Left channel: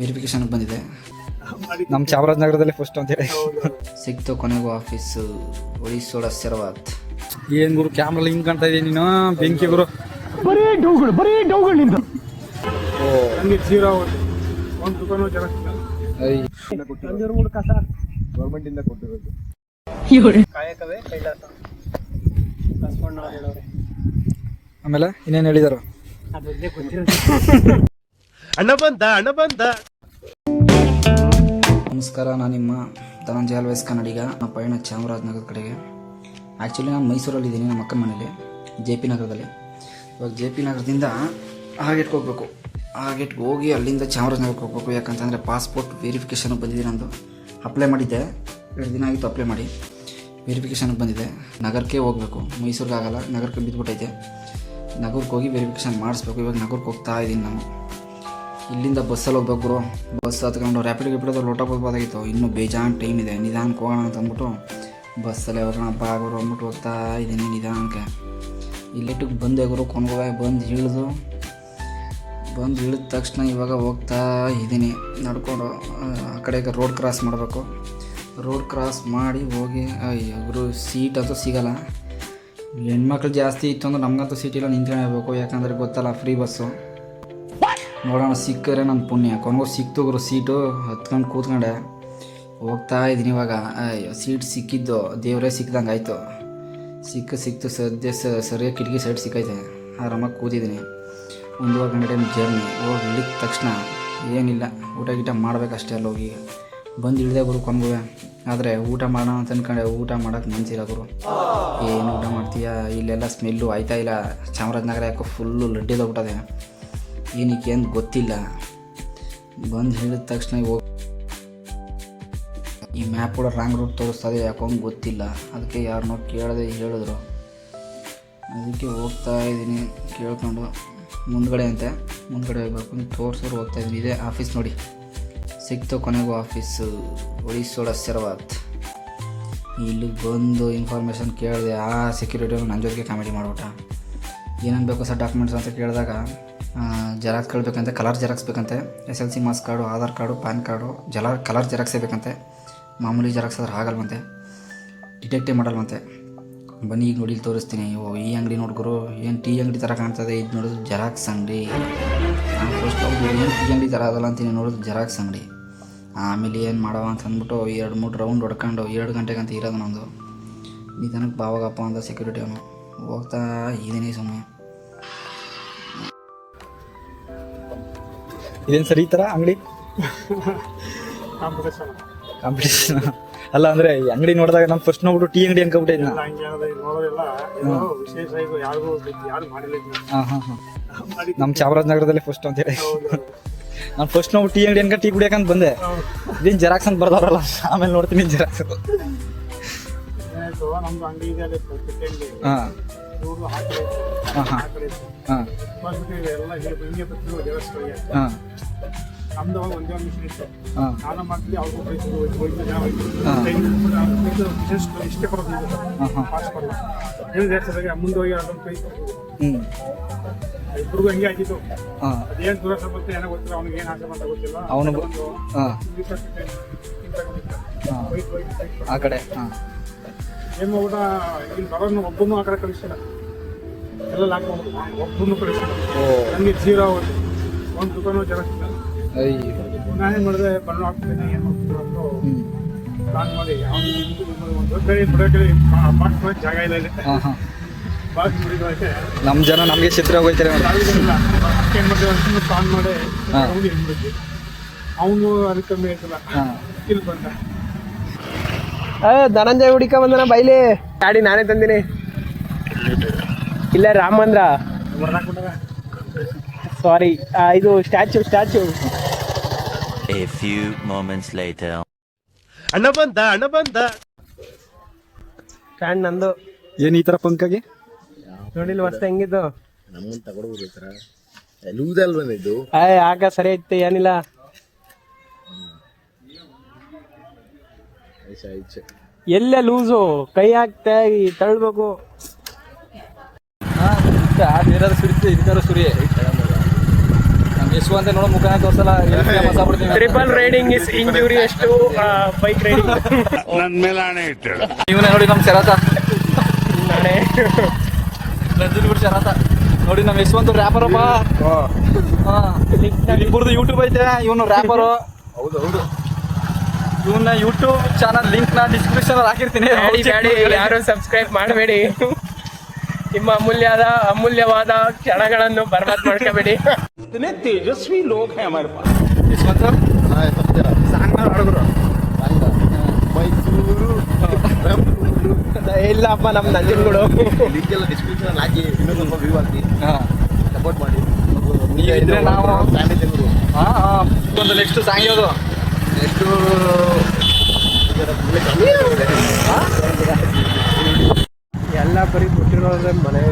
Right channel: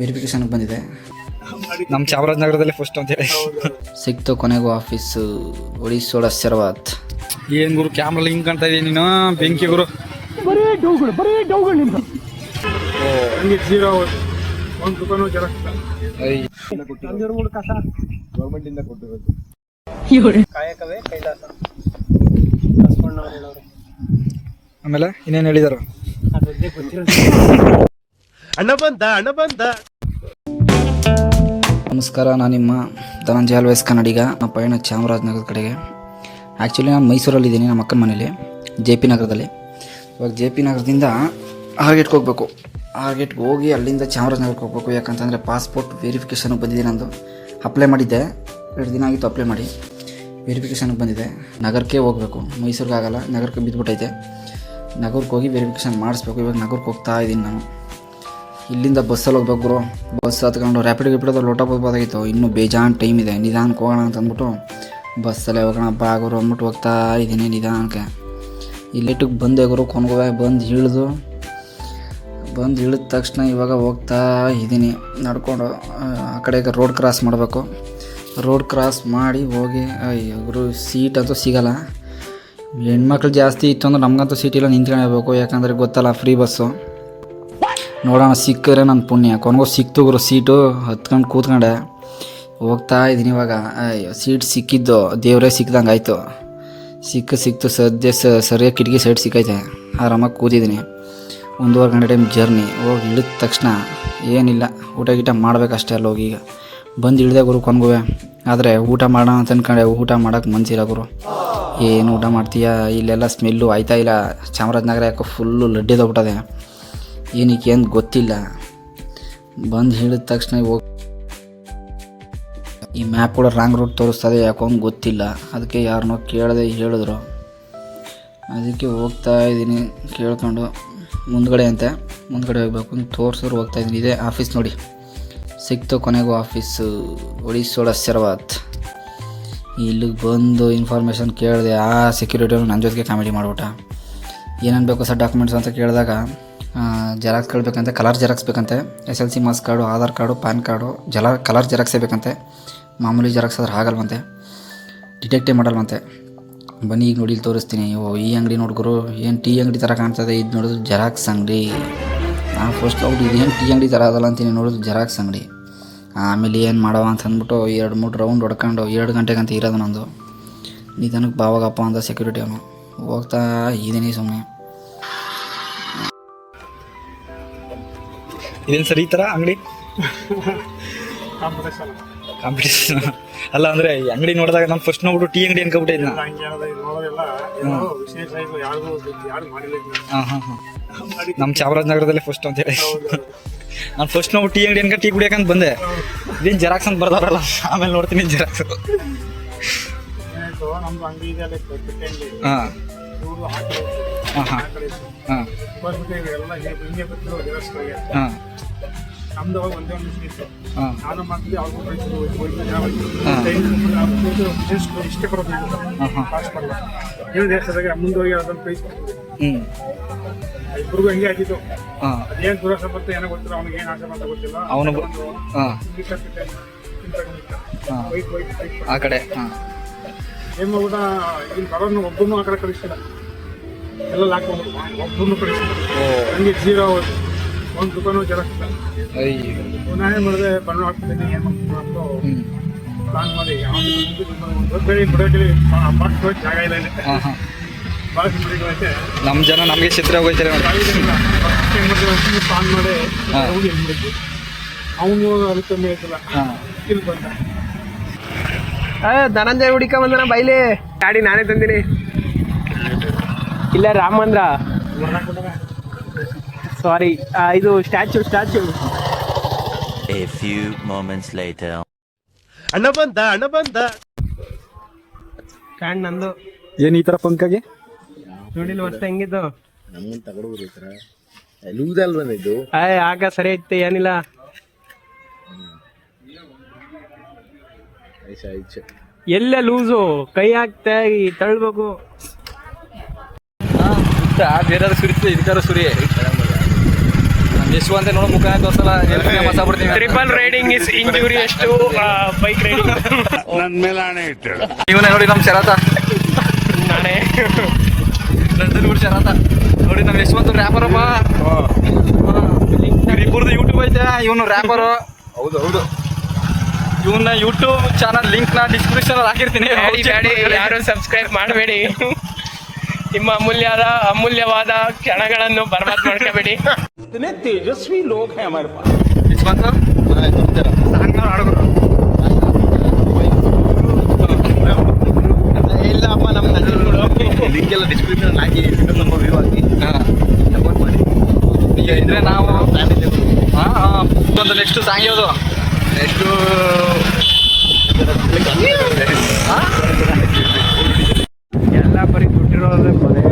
ವೆರಿಫಿಕೇಶನ್ಗೆ ಬಂದಿದೆ. ನಮ್ಮ ಚಾಮರಾಜನಗರದಲ್ಲಿ ಫಸ್ಟ್ ಅಂತ ಹೇಳಿ. ಸಿಕ್ತು ಕೊನೆಗೂ ಆಫೀಸ್ ಒಡಿಸೋಡ ಸರ್ವಾತ್ ಏನ್ ಗುರು ಕ್ಯಾಮ್ರಲ್ಲಿ ಹಿಂಗ್ ಕಾಣ್ತಾ ಇದೀನಿ ನೀನು? ಬೆಂಕಿ ಗುರು. ಹಂಗೆ ಜೀರೋ ಒಂದು ರೂಪಾಯಿನೂ ಜನ ಮೂಲಕ ಗೌರ್ಮೆಂಟ್ ಇಂದ ಕೊಟ್ಟಿರೋದು. ಕಾಯಕವೇ ಕೈಲಾಸ. ಬಸವಣ್ಣವ್ರು ಹೇಳೋರೆ ಆಮೇಲೆ ಇನ್ನೇನು ಹೇಳಿದಾರು? ಅದೊಂದೇ ಬಂದ ನಮಸ್ಕಾರ ನಾನು ನಿಮ್ಮ ಧನಂಜಯ ಅಲ್ವೇಸ್ ಕನ್ನಡಿಗ. ನಮ್ಮ ಪಯಣ ಚಾಮರಾಜನಗರದ ಕಡೆಗೆ. ಆ್ಯಕ್ಚುಲಿ ನಾನು ಮೈಸೂರಲ್ಲಿದ್ದೀನಿ ನಮ್ಮ ಅಕ್ಕನ ಮನೇಲಿ, ಜೆ ಪಿ ನಗರದಲ್ಲಿ. ಇವಾಗ ಜೆ ಪಿ ನಗರದಿಂದ ಆರ್ಗೇಟ್ಗೆ ಹೋಗ್ಬೇಕು. ಆರ್ಗೇಟ್ಗೆ ಹೋಗಿ ಅಲ್ಲಿಂದ ಚಾಮರಾಜನಗರಕ್ಕೆ ಹೋಗ್ಬೇಕು. ಯಾಕಂತಂದರೆ ಪಾಸ್ಪೋರ್ಟ್ ವೆರಿಫಿಕೇಷನ್ ಬಂದಿದೆ ನಂದು. ಅಪ್ಲೈ ಮಾಡಿದ್ದೆ. ಎರಡು ದಿನ ಆಗಿತ್ತು ಅಪ್ಲೈ ಮಾಡಿ. ವೆರಿಫಿಕೇಷನ್ಗೆ ಬಂದಿದೆ. ನಗರಕ್ಕೆ ಹೋಗಬೇಕು. ಮೈಸೂರಿಗೆ ಆಗಲ್ಲ. ನಗರಕ್ಕೆ ಬಿದ್ದುಬಿಟ್ಟೈತೆ ನಗರಕ್ಕೆ ಹೋಗಿ ವೆರಿಫಿಕೇಷನ್ ಮಾಡಿಸ್ಬೇಕು. ಇವಾಗ ನಗರಕ್ಕೆ ಹೋಗ್ತಾ ಇದ್ದೀನಿ ನಾನು. ಇಲ್ಲಿಂದ ಬಸ್ಸಲ್ಲಿ ಹೋಗ್ಬೇಕು ಗುರು ಬಸ್ ಹತ್ಕೊಂಡು ರ್ಯಾಪಿಡ್ ಗಿಪಿಡೋದು ಲೋಟ ಬರ್ಬೋದಾಗಿತ್ತು ಇನ್ನೂ ಬೇಜಾನ್ ಟೈಮ್ ಇದೆ. ನಿಧಾನಕ್ಕೆ ಹೋಗೋಣ ಅಂತ ಅಂದ್ಬಿಟ್ಟು ಬಸ್ಸಲ್ಲೇ ಹೋಗೋಣ ಆಗೋರು ಅಂದ್ಬಿಟ್ಟು ಹೋಗ್ತಾ ಇದ್ದೀನಿ ನಿಧಾನಕ್ಕೆ. ಇಲ್ಲಿಟ್ಟಿಗೆ ಬಂದೆ ಗುರು, ಕೊನೆಗೋವೆ ಬಂದು ಇಳಿದು, ಬಂದು ಇಳಿದ ತಕ್ಷಣ ಇವಾಗ ಹೋಗ್ತಾ ಇದ್ದೀನಿ. ನಡ್ಕೊಂಡು, ಆ ಕಡೆಗೆ ರೋಡ್ ಕ್ರಾಸ್ ಮಾಡಬೇಕು. ರೋಡ್ ಕ್ರಾಸ್ ಮಾಡಿ ಹೋಗಿ, ಅಯ್ಯೋ ಗುರು ಸೀಟ್ ಅಂತೂ ಸಿಗಲ್ಲ. ಹೆಣ್ಮಕ್ಳು ಜಾಸ್ತಿ ಇತ್ತು ಅಂದ್ರೆ ನಮಗಂತೂ ಸೀಟಿಲ್ಲ ನಿಂತ್ಕೊಂಡೋಗ್ಬೇಕು ಯಾಕಂದರೆ ಗೊತ್ತಲ್ಲ ಫ್ರೀ ಬಸ್ಸು ನೋಡೋಣ ಸಿಕ್ಕರೆ ನನ್ನ ಪುಣ್ಯ. ಕೊನೆಗೂ ಸಿಕ್ತು ಗುರು, ಸೀಟು ಹತ್ಕೊಂಡು ಕೂತ್ಕೊಂಡೆ. ಹೋಗ್ತಾ ಇದ್ದೀನಿ ಇವಾಗ. ಸೀಟ್ ಸಿಕ್ಕಿದ್ದು, ದೇವರೇ ಸಿಕ್ಕಿದಂಗೆ ಆಯಿತು. ಸಿಕ್ಕ ಸಿಕ್ತು, ಸದ್ಯ ಸರಿಯಾಗಿ ಕಿಟಕಿ ಸೈಡ್ ಸಿಕ್ಕೈತೆ. ಆರಾಮಾಗಿ ಕೂತಿದ್ದೀನಿ. ಒಂದೂವರೆ ಗಂಟೆ ಟೈಮ್ ಜರ್ನಿ. ಹೋಗಿ ಇಳಿದ ತಕ್ಷಣ ಏನಿಲ್ಲ, ಊಟ ಗೀಟ ಮಾಡಬೇಕಷ್ಟೇ ಅಲ್ಲಿ ಹೋಗಿ ಈಗ. ಬಂದು ಇಳಿದೆ ಗುರು ಕೊನೆಗೂ. ಆದರೆ ಊಟ ಮಾಡೋಣ ಅಂತ ಅಂದ್ಕೊಂಡೆ ಊಟ ಮಾಡೋಕ್ಕೆ ಮನ್ಸಿಲ್ಲ ಗುರು. ಏನು ಊಟ ಮಾಡ್ತೀಯಾ? ಇಲ್ಲೆಲ್ಲ ಸ್ಮೆಲ್ಲು ಆಯ್ತಾ ಇಲ್ಲ. ಚಾಮರಾಜನಗರ ಯಾಕೋ ಫುಲ್ಲು ಲಡ್ಡಿದೋಗ್ಬಿಟ್ಟದೆ ಏನಕ್ಕೆ ಅಂತ ಗೊತ್ತಿಲ್ಲ. ಬಂದು ಹೇಳಿದ ತಕ್ಷಣ ಹೋಗಿ ಈ ಮ್ಯಾಪ್ ಕೂಡ ರಾಂಗ್ ರೂಟ್ ತೋರಿಸ್ತದೆ, ಯಾಕೋ ಗೊತ್ತಿಲ್ಲ. ಅದಕ್ಕೆ ಯಾರನ್ನೋ ಕೇಳದೆ ಹೇಳಿದ್ರು. ಅದಕ್ಕೆ ಹೋಗ್ತಾ ಇದ್ದೀನಿ, ಕೇಳ್ಕೊಂಡು ಮುಂದ್ಗಡೆ ಅಂತೆ. ಮುಂದ್ಗಡೆ ಹೋಗ್ಬೇಕು ಅಂತ ತೋರಿಸಿದ್ರು ಹೋಗ್ತಾ ಇದ್ದೀನಿ. ಇದೇ ಆಫೀಸ್ ನೋಡಿ. ಸಿಕ್ತು ಕೊನೆಗೂ ಆಫೀಸು ಒಡಿಸೋಳ ಶರವತ್. ಇಲ್ಲಿಗೆ ಬಂದು ಇನ್ಫಾರ್ಮೇಷನ್ ಕೇಳಿದೆ, ಆ ಸೆಕ್ಯೂರಿಟಿ ನನ್ನ ಜೊತೆಗೆ ಕಾಮಿಡಿ ಮಾಡ್ಬಿಟ್ಟ. ಏನೇನು ಬೇಕು ಸರ್ ಡಾಕ್ಯುಮೆಂಟ್ಸ್ ಅಂತ ಕೇಳಿದಾಗ? ಜೆರಾಕ್ಸ್ ಬೇಕಂತೆ ಕಲರ್ ಜೆರಾಕ್ಸ್ ಬೇಕಂತೆ S L C marks card Aadhaar card pan card ಜಲ ಕಲರ್ ಜೆರಾಕ್ಸೇ ಬೇಕಂತೆ. ಮಾಮೂಲಿ ಜೆರಾಕ್ಸ್ ಆದ್ರೆ ಆಗಲ್ವಂತೆ ಡಿಟೆಕ್ಟೇ ಮಾಡಲ್ವಂತೆ ಬನ್ನಿ ಈಗ ನೋಡಿ ತೋರಿಸ್ತೀನಿ. ಓ, ಈ ಅಂಗಡಿ ನೋಡ್ಗುರು ಏನು ಟೀ ಅಂಗಡಿ ಥರ ಕಾಣ್ತದೆ. ಇದು ನೋಡಿದ್ರು ಜೆರಾಕ್ಸ್ ಅಂಗಡಿ. ನಾನು ಫಸ್ಟ್ ಹೋಗಿ ಏನು ಟೀ ಅಂಗಡಿ ಥರ ಅದಲ್ಲ ಅಂತೀನಿ ನೋಡಿದ್ರು ಜೆರಾಕ್ಸ್ ಅಂಗಡಿ. ಆಮೇಲೆ ಏನು ಮಾಡವ ಅಂತ ಅಂದ್ಬಿಟ್ಟು ಎರಡು ಮೂರು ರೌಂಡ್ ಹೊಡ್ಕೊಂಡು, ಎರಡು ಗಂಟೆಗಂತ ಇರೋದು ನಂದು. ನಿಧಾನಕ್ಕೆ ಬಾವಾಗಪ್ಪ ಅಂತ ಸೆಕ್ಯೂರಿಟಿ ಅವನು. ಹೋಗ್ತಾ ಇದ್ದೀನಿ ಸುಮ್ಮನೆ ಇದೇನು ಸರಿ ಈ ಥರ ಅಂಗಡಿ? ಕಾಂಪಿಟೇಷನ್ ಕಾಂಪಿಟೇಷನ್ ಅಲ್ಲ ಅಂದ್ರೆ ಈ ಅಂಗಡಿ ನೋಡಿದಾಗ ನಾನು ಫಸ್ಟ್ ನೋಡ್ಬಿಟ್ಟು ಟೀ ಅಂಗಡಿ ಮಾಡಿಲ್ಲ ಇದನ್ನ. ಹಾಂ ಹಾಂ ಹಾಂ. ಮಾಡಿ ನಮ್ಮ ಚಾಮರಾಜನಗರದಲ್ಲಿ ಫಸ್ಟ್ ಅಂತ ಹೇಳಿ. ನಾನು ಫಸ್ಟ್ ನೋಡ್ಬಿಟ್ಟು ಟೀ ಅಂಗಡಿ ಅನ್ಕ ಟೀ ಕುಡಿಯಕಂತ ಬಂದೆ. ಇದೇನು ಜೆರಾಕ್ಸ್ ಅಂತ ಬರ್ದಾರಲ್ಲ ಆಮೇಲೆ ನೋಡ್ತೀನಿ ಜೆರಾಕ್ಸ್ ಹಾಂ. ಇವರು ಹಾಕಿ ಬಂದ್ಬಿಟ್ಟು ಹಿಂಗೆ ಹಿಂಗೆ ದೇವಸ್ಥಾನಕ್ಕೆ ನಮ್ದು ಅವಾಗ ಒಂದೇ ಒಂದು ಮಿಷನ್ ಇತ್ತು. ಹಾಂ. ನಾನು ಮಾಡ್ತಿದ್ದೆ ಅವ್ರಿಗೂ ಹೋಯ್ತು ಇಷ್ಟೇ ಬರೋದು ಹಾಂ ಹಾಂ ಪಾಸ್ ಬರಲ್ಲ ಏನು ದೇಶದಾಗ ಮುಂದೆ ಹೋಗಿ ಅದನ್ನು ಪ್ರೈಸ್ ಹ್ಞೂ ಇಬ್ಬರಿಗೂ ಹಂಗೆ ಆಗಿತ್ತು ಹಾಂ. ಅದೇನು ದುರಾಸೆ ಬಂತು ಏನೋ ಗೊತ್ತಿಲ್ಲ ಅವ್ನಿಗೆ ಏನು ಆಸೆ ಬಂತ ಗೊತ್ತಿಲ್ಲ. ಅವನು. ಆ ಕಡೆ ಹಾಂ. ಏನ್ ಕೂಡ ಇಲ್ಲಿ ಬರೋನು ಒಬ್ಬನು ಆ ಕಡೆ ಕಳಿಸ್ತಿಲ್ಲ ಎಲ್ಲ ಲಾಕ್ ಒಬ್ಬನು ಕಳಿಸಿಲ್ಲ ಹಂಗೆ ಜೀರೋ ಒಂದು ದುಕಾನು ಜೆರಾಕ್ಸ್ ಇಲ್ಲ ಅಯ್ಯೋ. ನಾನೇನ್ ಮಾಡಿದೆ ಬಣ್ಣ ಏನು ಮಾಡ್ತೀನಿ ಪ್ಲಾನ್ ಮಾಡಿ ಒಂದು ಬೆಳಿ ಬಿಡೋಕೆ ಬಾಕ್ಸ್ ಜಾಗ ಇಲ್ಲ ಇಲ್ಲಿ. ಬಿಡಿಗಳೈತೆ ನಮ್ಮ ಜನ ನಮಗೆ ಚಿತ್ರ ಹೋಗ್ತಾರೆ ಏನು ಏನ್ ಪ್ಲಾನ್ ಮಾಡಿ. ಹೋಗಿ ಅವನು ಅದಕ್ಕೆ ಮೇಲೆ ಇಲ್ಲಿ ಬಂದ. ಧನಂಜಯ ಹುಡಿಕ ಬಂದನ ಬೈಲಿ. ಗಾಡಿ ನಾನೇ ತಂದಿನಿ. ಇಲ್ಲ ರಾಮ ಮಂದ್ರ ಸಾರಿ ಇದು ಸ್ಟ್ಯಾಚು ಸ್ಟ್ಯಾಚು ಅಣ್ಣ ಬಂದ ಅಣ್ಣ ಬಂದ. ಸ್ಟ್ಯಾಂಡ್ ನಂದು. ಏನು ಈ ಥರ ಪಂಕಾಗೆ ನೋಡಿಲ್ಲ ವರ್ಷ ಹೆಂಗಿದ್ದು? ಲೂಸಲ್ ಬಂದಿದ್ದು ಏ ಆಗ ಸರಿ ಐತೆ ಏನಿಲ್ಲ. ಎಲ್ಲೇ ಲೂಸು ಕೈ ಹಾಕ್ತಾ ಈ ತಳ್ಬೇಕು. ಬೇರೆ ಸುರಿತದೆ ಇದಕ್ಕಾರ ಸುರಿ ಯಶವಂತ ನೋಡೋ ಮುಖ ಆಗ್ಬಿಡ್ತೀನಿ. ಟ್ರಿಪಲ್ ರೈಡಿಂಗ್ ಇಸ್ ಇಂಜುರಿ ಎಷ್ಟು ಬೈಕ್ ರೈಡಿಂಗ್ ಇವನೇ ನೋಡಿ ನಮ್ಮ ಶರತ. ನಾನೇ. ನಂಜನಗೂಡು ಶರತ. ನೋಡಿ ನಮ್ಮ ಯಶವಂತ ರ್ಯಾಪರಪ್ಪ ಇಬ್ಬರದು ಯೂಟ್ಯೂಬ್ ಐತೆ ಇವನು ರ್ಯಾಪರ್ ಹೌದು ಹೌದು. ಇವನ್ನ ಯೂಟ್ಯೂಬ್ ಚಾನಲ್ ಲಿಂಕ್ನ ಡಿಸ್ಕ್ರಿಪ್ಷನ್ ಅಲ್ಲಿ ಹಾಕಿರ್ತೀನಿ. ಯಾರು ಸಬ್ಸ್ಕ್ರೈಬ್ ಮಾಡಬೇಡಿ. ನಿಮ್ಮ ಅಮೂಲ್ಯದ ಅಮೂಲ್ಯವಾದ ಕ್ಷಣಗಳನ್ನು ಬರ್ಬಾದ್ ಮಾಡ್ಕೋಬೇಡಿ. ಯಶವಂತ ಸಾಂಗ್ನವ್ರು ಇಲ್ಲ ಅಪ್ಪ ನಮ್ಮ ನದಿಗಳು ಲಿಂಕ್ ಎಲ್ಲ ಡಿಸ್ಕ್ರಿಪ್ಷನ್ ಹಾಕಿ ವ್ಯೂ ಹಾಕಿ. ಹಾ. ಸಪೋರ್ಟ್ ಮಾಡಿ. ಇದ್ರೆ ನಾವು ಹಾ ಹಾ. ಒಂದು ನೆಕ್ಸ್ಟ್ ಸಾಂಗ್ ಯಾವುದು ನೆಕ್ಸ್ಟು ಎಲ್ಲ ಬರೀ ದುಡ್ಡಿರೋದೇ ಮನೆ.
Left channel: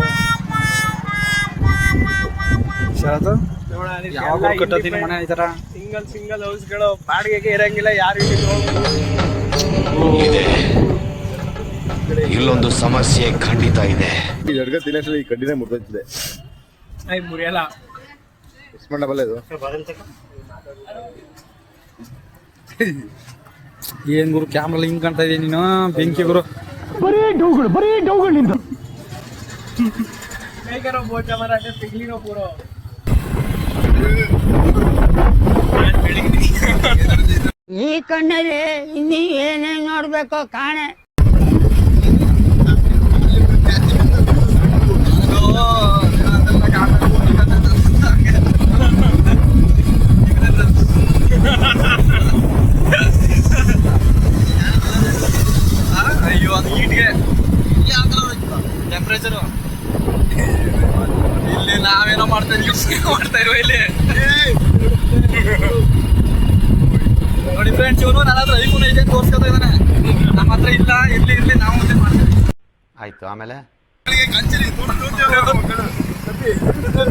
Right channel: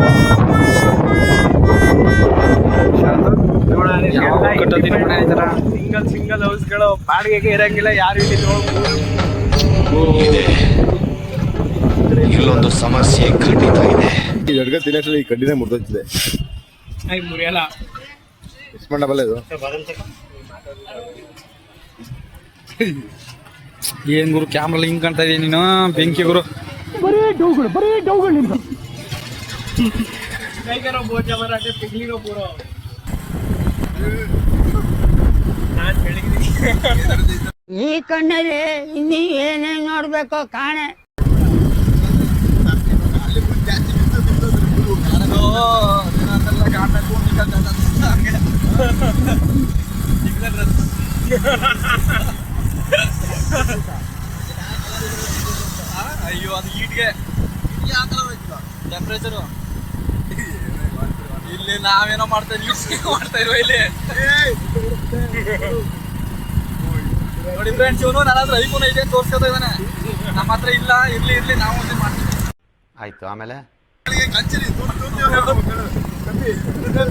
ಸಿಂಗಲ್ ಸಿಂಗಲ್ ಹೌಸ್ಗಳು ಬಾಡಿಗೆಗೆ ಇರಂಗಿಲ್ಲ ಯಾರು ಇಲ್ಲೊಂದು ಸಮಸ್ಯೆ ಖಂಡಿತ ಇದೆ. ಈ ಅಡ್ಗೆ ತಿನ್ನೋಷ್ಟ್ರಲ್ಲಿ ಈ ಕಡ್ಡಿನೇ ಮುರಿದೋಗ್ತಿದೆ ಐ ಮುರಿಯಲ್ಲ. ಮಿಸ್ ಮಾಡಬಲ್ಲ ಇದು? ಏನ್ ಗುರು ಕ್ಯಾಮ್ರಾ ಹಿಂಗ್ ಕಾಣ್ತಾ ಇದೀನಿ ನೀನು? ಬೆಂಕಿ ಗುರು. ಬರೀ ಡೌಗಳು ಬರೀ ಡೌಗಳು ಪೂರೋ ಈ ಕಣ್ಣಲ್ಲಿ ಇನ್ನಿ ಏನೇನ್ ನೋಡ್ಬೇಕು ಕಾಣೆ. ಅಯ್ಯೋ ಅದು ಈಟ್ಗೆ ಟೆಂಪ್ರೇಚರು ಇಲ್ಲಿ ನಾವೇನೋ ಮಾಡ್ತಾ ಇದೀವಿ ಮಾಡ್ತಾ ಇರುವ ಇಲ್ಲಿ ನೋಡಿ ಫ್ರೆಂಡ್ಸ್ ಇವನು ನನ್ನ ಹತ್ರ ಐಫೋನ್ ಇದೆ ತೋರ್ಸ್ಕೊತಾ ಇದ್ದಾನೆ ನಮ್ಮ ಹತ್ರ ಇಲ್ಲ ಇರ್ಲಿ ಇರ್ಲಿ ನಾವು ಮುಂದೆ ಮಾಡ್ತೀವಿ ಆಯ್ತು ಆಮೇಲೆ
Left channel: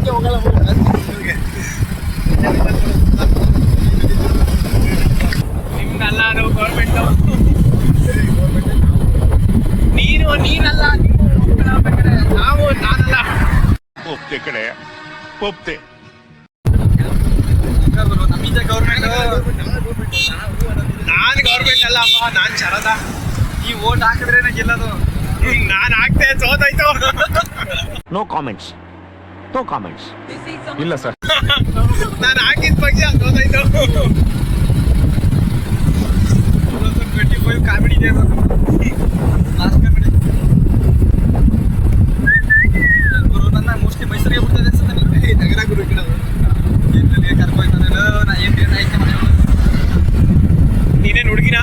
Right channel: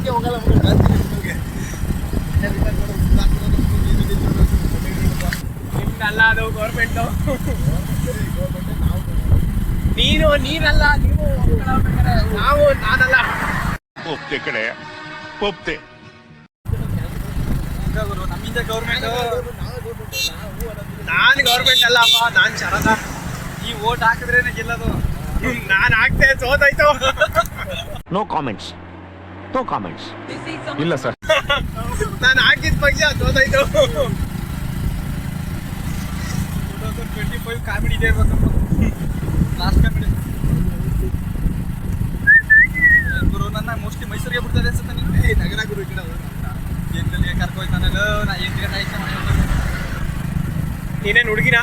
ನಿಮ್ಗಲ್ಲ ಅದು ಗೌರ್ಮೆಂಟ್ ನೀನು ನೀನಲ್ಲ ನೀವು ನಾವು ನಾನಲ್ಲ. ಒಪ್ತೆ ಕಡೆ ಒಪ್ತೆ. ಗುರು ನಮ್ಮಿಂದ ಗೌರ್ಮೆಂಟ್ ನಾನ್ ಗೌರ್ಮೆಂಟ್ ಅಲ್ಲಪ್ಪ ನಾನ್ ಶರದ ಈ ಓಟ್ ಹಾಕಿದ್ರೇನೆ ಗೆಲ್ಲೋದು ನಾನು ಹಾಕ್ತೆ ಸೋತಾಯ್ತು ನೋ ಕಾಮೆಂಟ್ಸ್ ನೋ ಕಾಮೆಂಟ್ಸ್ ಇಲ್ಲ ಸರ್. ನಾನು ಹಾಕಿದ ಪಕ್ಷ ಸೋತಾಯ್ತು ಟ್ವೆಂಟಿ ಫೈವ್ ಕಾಮಿಡಿ ಇದೆ ಲಾಸ್ಟ್ ಕಾಮಿಡಿ ಗುರು ನನ್ನ ಮೋಸ್ಟ್ಲಿ ಮೈಸೂರಿಗೆ ಬಿಡ್ತದೆ ಅನ್ಸುತ್ತೆ ನೀವು ನಗರ ಗುರು ಕಡೆ ಏನ್ರಲ್ಲಿ ಕರ್ಕೊಯ್ತಾನಲ್ಲ ನಾ ಏನು ಏನು ಐತೆ ಮನೆ ನೀನೇನು ಹುಡುಗಿನ?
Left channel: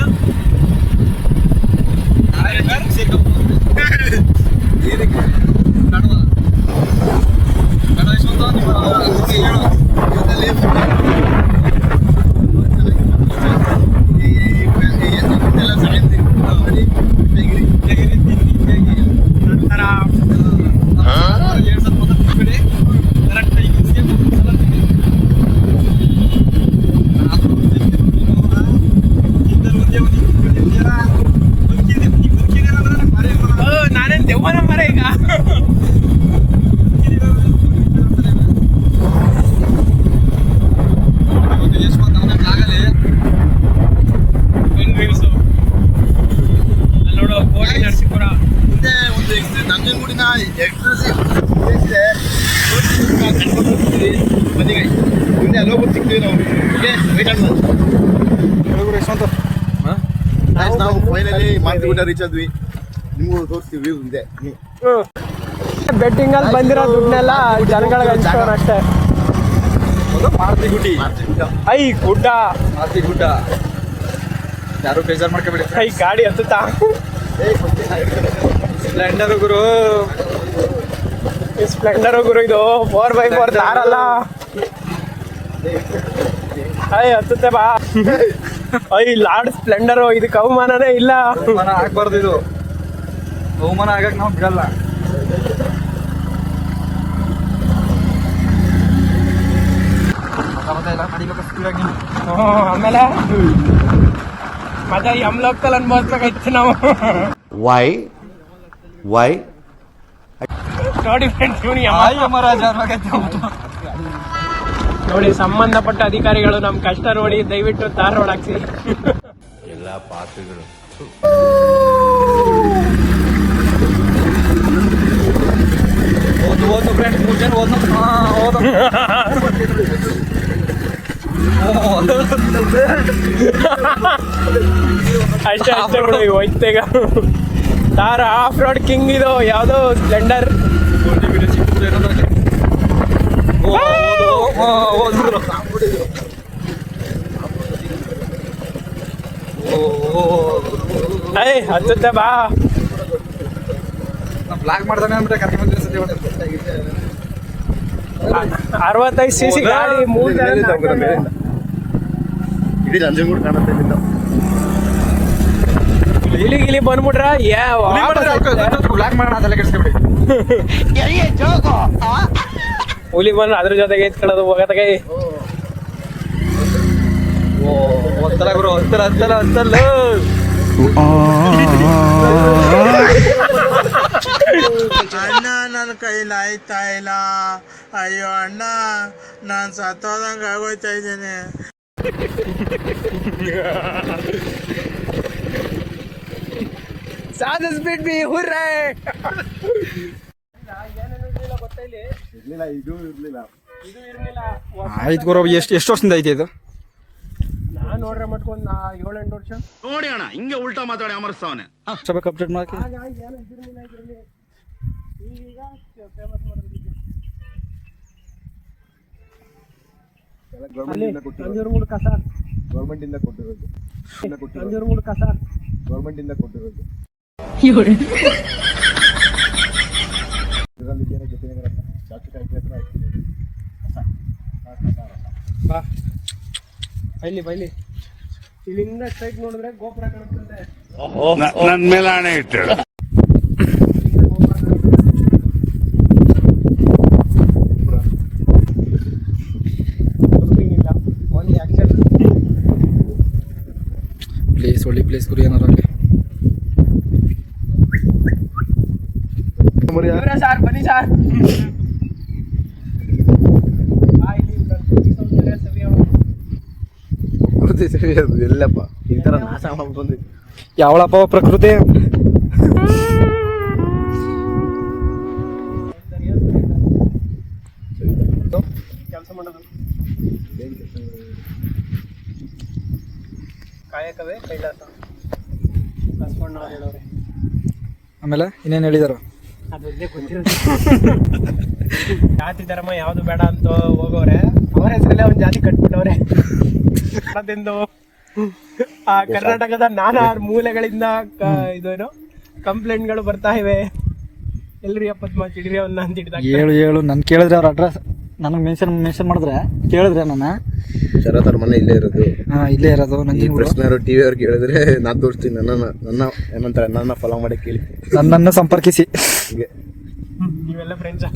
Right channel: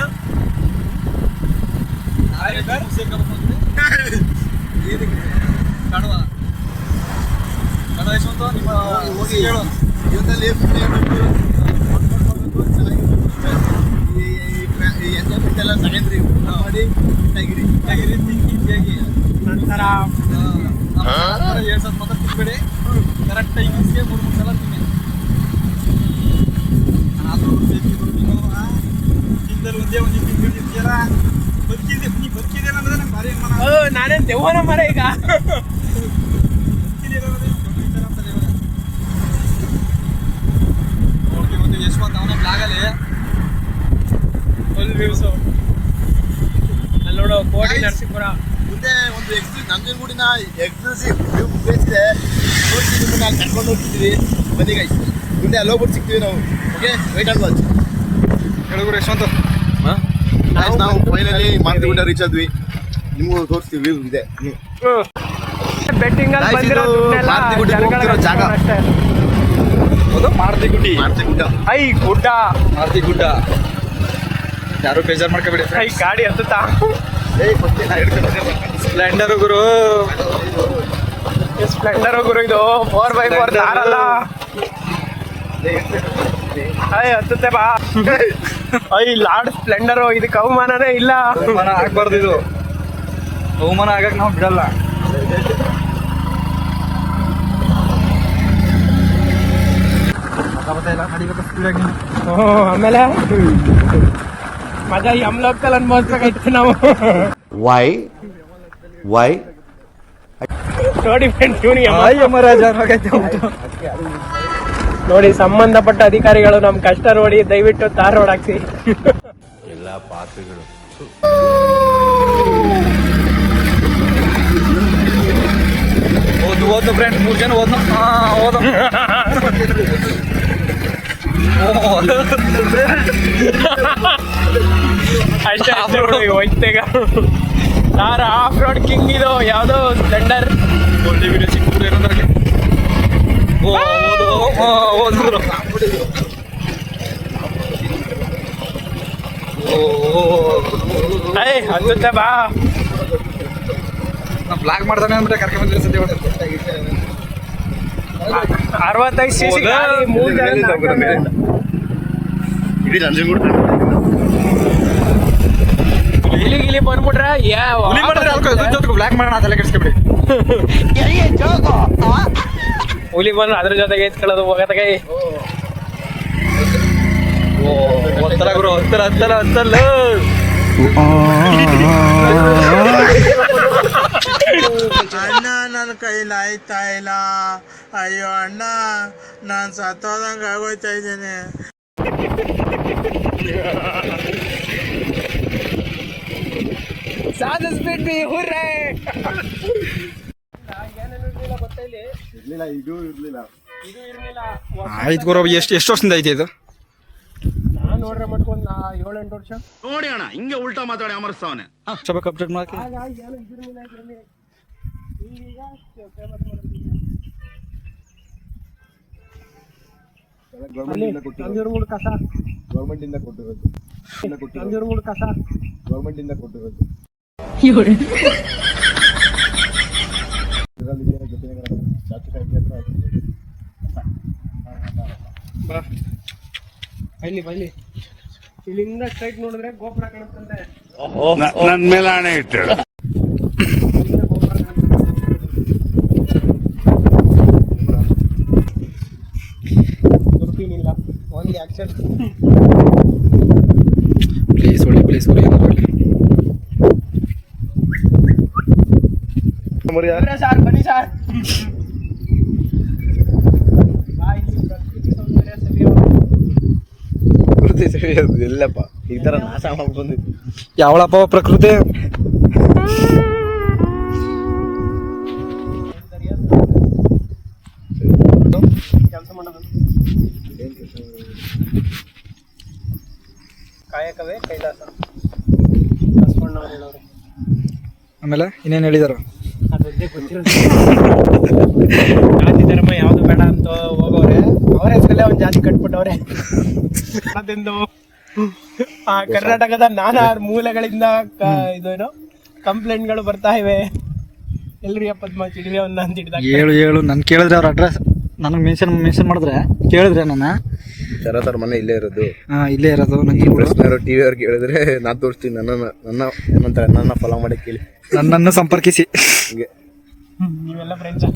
ಕಡವ ಕಡವ ಯಶವಂತ ನಿಮ್ಮ ಹೋಗಿ ಹೇಳು ಇವತ್ತಲ್ಲಿ ತೆಗಿರಿ ಹೇಗಿರಿ ತಿನ್ನಿ ಹೇಗೆ ನಂತರ ಎರಡು ಸಲ ಮಾತ್ರ ತಿನ್ಬೇಡಿ ಕರೆಕ್ಟ್ ಟೈಮಿಂಗ್ಸ್ಗೆ ಮೂರು ಮೂರು ಸಲ ತಿನ್ನಿ ಆದ್ರೂ ನೀನು ತಿಂದಲ್ಲಿ ಒಂದೇ ಒಂದು ತಿಂಗಳು ತಿಂತೀರ ಬದುಕಿದೆ ನೀ ಬದುಕಿದೆ ಅನ್ನೋದನ್ನ ನನಗೆ ಭಾರಿ ಅನುಮಾನ. ಓ ನಾನೇನ್ ದೆವ್ವನ ಮರ ಈಗ ಬದುಕಿದೆ ಅನ್ನೋದು ಬದುಕಿದೆ ಅಂತಾನೆ ಇವಾಗ. ಇವತ್ತು ಯಶವಂತ್ ಅವನೇ ಬ್ಲಾಗಲ್ಲಿ ಎಲ್ ರೀಲ್ಸು ಅಲ್ಲಿ ನೋಡು ಕೋಟಿ ನರಸೀಪುರ. ಮುಂದೆ ಒಂದು ಎಕ್ಸ್ ನಂಜನಗೂಡಿನ ಎಕ್ಸ್ಕ್ಲೂಸಿವ್ ಪ್ಲೇಸ್ ಇದೆ. ಕರ್ಕೊಂಡು ಹೋಗ್ತೀವಿ ಬದಿಗಾಯಿ ಮುಂದೆ ಅಲ್ಲಿ ಹೋಗ್ಬಿಟ್ಟು ಸಿಗ್ತೀವಿ ನಾವು. ಓಕೆ ವೆಯ್ಟ್ ಮಾಡ್ಬೋದು ಹೇಳುಗುರು ಯಶವಂತ ನಾವು ಫೈನಲಿ ಮಾರ್ತಿಗುಡ್ಡ ರೀಚ್ ಆದ್ವಿ. ನಿಮಗೂ ತೋರಿಸ್ತೀವಿ ವ್ಯೂ ಇದೆ. ಬೆಟ್ಟಿಂಗ್ ಅಲ್ಲಿ ಬಂದಿರೋ ದುಡ್ಡೆಲ್ಲ ಹೋಗ್ತಿರೋ ಜಾಗ. ಅಷ್ಟೇ ಅದು ಮಾರುತಿ ಗುಡ್ಡಿ ಐ ಗುಡ್ಡ. ಮಾರುತಿ ಗುಡ್ಡ ಯಾರು ಬೇಜಾರು ಮಾಡ್ಕೋಬೇಡಿ ಐ ಗಾಡಿ ಹತ್ತುತ್ತಾ? ಸ್ಪ್ಲೆಂಡರ್ ಗುರು. ಸ್ಪ್ಲೆಂಡರ್ ಗುರು ಇದು ಫೋರ್ ಬೈ ಫೋರ್ ದಾರಲ್ಲ. ಅಯ್ಯ ಹತ್ತುತ್ತೆ ಬಾ. ಐ ಲಾರ್ಡ್ ಸ್ಪ್ಲೆಂಡರ್ ಇದಕ್ಕೆ ಅವಮಾನನೇ ಇಲ್ಲ. ಅವಮಾನ ಆಗ್ಬಾರ್ದು ಇದು. ಅವಮಾನ ಆಗಕ್ ನಾವು ಬಿಡಲ್ಲ. ಆಮೇಲೆ? ಅದ ಈ ಅಮ್ಲಕ್ಕಲ್ಲಿ ಅನ್ಭವಿಸ್ಬೇಕಾಯ್ತು ನಾವು. ವೈ ವೈ ನೋಡಿ ಫ್ರೆಂಡ್ಸ್ ನೋಡಿ ಸಂಬಂಧಪಟ್ಟ ಅಧಿಕಾರಿಗಳು ನಮ್ ಕಷ್ಟ ನೋಡಿ ದಯವಿಟ್ಟು ತಾರ್ ರೋಡ್ ಹಾಕ್ಸಿ ಓದು ಓದು ಫ್ರೆಂಡ್ ಮೂರ್ ಜನ ಓದ್ ಹಾಂ ಓದು. ಅಷ್ಟೇ ಹೋಯ್ತೆಗ ಆಫ್ ರೋಡ್ ಕಿಂಗ್ ಇದು ಯಾವುದೋ ಸ್ಪ್ಲೆಂಡರ್ ಒಳ್ಳೆ ವಿಡಿಯೋ ಸಿಕ್ಕಿದ್ರೆ ಏನಂದ್ರೆ ಓ ಓದು ಓದಿದ್ರು ಏಯ್ ಹತ್ತುತ್ತ ಬಾ. ಬ್ಲಾಕ್ ಬ್ಲಾಗ್ ಮಾಡ್ದಾನೆ ಕರ್ಕೊಂಡು ಕರ್ಕೊಂಡ್ ಬಂದಿರೋ ಸದ್ಯ ಇವತ್ತು. ಅರವತ್ತೈದು ಸಿ ಸಿ ಮೂರು ಜನ. ಇಡೀ ನಂಜನಗೂಡು ಕಾಣುತ್ತೆ ಇಲ್ಲಿ ಗಿಲಿ ಬಂದ್ಬಿಟ್ರೆ ಯಾ ಹುಲಿ ಮಾಡಿದ್ರೆ ಬ್ಲಾಕ್ ಮಾಡೋಣ ತಲೆ ಕೆಡಿಸ್ಕೊಬಿಡಿ. ಹುಲಿ ಬಂದ್ರೆ ಅದ್ರ ಜೊತೆಗೆ ಎತ್ಕೊಳ್ಳೋದು ಹೋಗತ್ತಾಗೆ ಒಂಥರ ಗುರು ಹತ್ತರ ಅಂತಲ್ಲ ಅಂತಲ್ಲ ಅಣ್ಣ ನನ್ನ ಕೈಲಿ ಆಯ್ತಾ ಇಲ್ಲ? ಅಯ್ಯೋ ಅಣ್ಣ ನಾನು ಸತ್ತೋದಂಗೆ ಆಗೋಯ್ತಾ ಇದ್ದೇನೆ. ಸಾಧಿಸ್ಬಿಟ್ವಿ ಹುರ್ರೆ. ಇರ್ಲಿಲ್ಲ ಇದು ಇರ್ಲಿಲ್ಲ ಇದು ಇರ್ಲಿಲ್ಲ ಆಯ್ತು ಗುರು ಎಷ್ಟು ಎಷ್ಟು ವರ್ಷದಿಂದ ಐತೆ ಇದು? ನಾನು ನೋಡ್ರೆ ಮಟ್ಕೊಂಡ್ ನಾ ಏಳೆಂಟು ವರ್ಷ. ನೋಡಿ ಅಣ್ಣ ಹಿಂಗೆ ಉಲ್ಟಾ ಮಾತಾಡಿ ಅಮರ್ಸ್ತಾವನೆ. ಸ್ವಲ್ಪ ಈಗ ಮಾಡಕ್ಕೆ ಅಲ್ಲಿ ನಂಜೂರ್ಮೂಡ್ ಕಸ. ಗೌರ್ಮೆಂಟ್ ಇಂದ ಕೊಟ್ಟಿರೋದು. ನಂಜೂರ್ಮೂಡ್ ಕಸ. ಗೌರ್ಮೆಂಟ್ ಇಂದ ಕೊಟ್ಟಿರೋದು. ಬೈಲಿ ಬೈಲಿ. ಇಲ್ಲಿಂದ ಸ್ಟ್ರೈಟ್ ನೋಡಿದ್ರೆ ಗೋಪುರ ಕಾಣುತ್ತಂತೆ ನನ್ ಮೇಲೆ ಹಣೆ ಇಟ್ಟು ಬುಕಿಂಗ್ ಇಲ್ಲ ಓನ್ಲಿ ಆಕ್ಷನ್ ಪ್ಲೇಸ್ ಒಳ್ಳೆ ಪ್ಲೇಸ್ ಗುರು ಏನಾದ್ರು ಆಗಲಿ ಇವರೇ ಸಾರ್ ಬನ್ನಿ ಸಾರ್ ಬಾ, ಇಲ್ಲಿ ಪ್ರಕೃತಿ ಸೌಂದರ್ಯ ಸವಿಯೋ. ಎಲ್ಲಪ್ಪ. ಈ ತರ ನಾಶ ಬಂದಿತ್ತು. ಯಾವಳಪ್ಪ ಪ್ರಕೃತಿ? ಕೆಲಸ ಮಾಡೋದು ಕಾಯಕವೇ ಕೈಲಾಸ. ಬಸವಣ್ಣವ್ರು ಹೇಳೋರೆ. ಆಮೇಲೆ ಇನ್ನೇನು ಹೇಳಿದಾರು? ಅದೊಂದೇ ಗೊತ್ತಿರೋದು ಜಾತಿ ಧರ್ಮ ಯಾವ್ದು ಬೇಡ ಅಂತ ಹೋಗೋರೆ ಅವ್ರ ಹೆಸರಲ್ಲೇ ಒಂದು ಜಾತಿ ಕಟ್ಬಿಟ್ಟವ್ರೆ. ಅದೆಂದು? ಆ ಕರ್ನಾಟಕದ ನಾನಾ ಮೂಲೆಗಳಿಂದ ಕ- ಇದೇನು ಕಂಪ್ಲೇಂಟ್ಗಳು ಬರ್ತಾ ಇವೆ. ಎಲ್ರಿ ಅಪ್ಪದ್ಮ ಚಿಡ್ರಿ ಅವನ್ನ ಅಂತ ಹಿಡಿದ ಹೇಳು ಹೇಳು ನಾನು ಕೇಳಿದ್ರೆ ಅವ್ರ ಅಡ್ರೆಸ್ ನನಗೆ ಮೆನ್ಷನ್ ಮೆನ್ಷನ್ ಮಾಡಿದ್ರೆ ಕೇಳಿದ್ರೆ ನನ್ನ. ಶರತ್ ಅವ್ರ ಮನೆ ಇಲ್ಲೇ ಇರೋದು. ಹಾಂ ಇಲ್ಲೇ ಇರೋದು ನಂಗೆ ಟಿವಿ ಅವ್ರಿಗೆ ಹೇಳಿದ್ರೆ ನಾನು ತೋರಿಸ್ತೀನಿ ನನ್ನ ನನ್ನ ಏನಂತ ನನ್ನ ಫಾಲೋ ಮಾಡಿ ಕೇಳಿ. ನನ್ನನ್ನು ಸಂಪರ್ಕಿಸಿ. ನೀವೆಲ್ಲ ಫ್ರೆಂಡ್ಸ್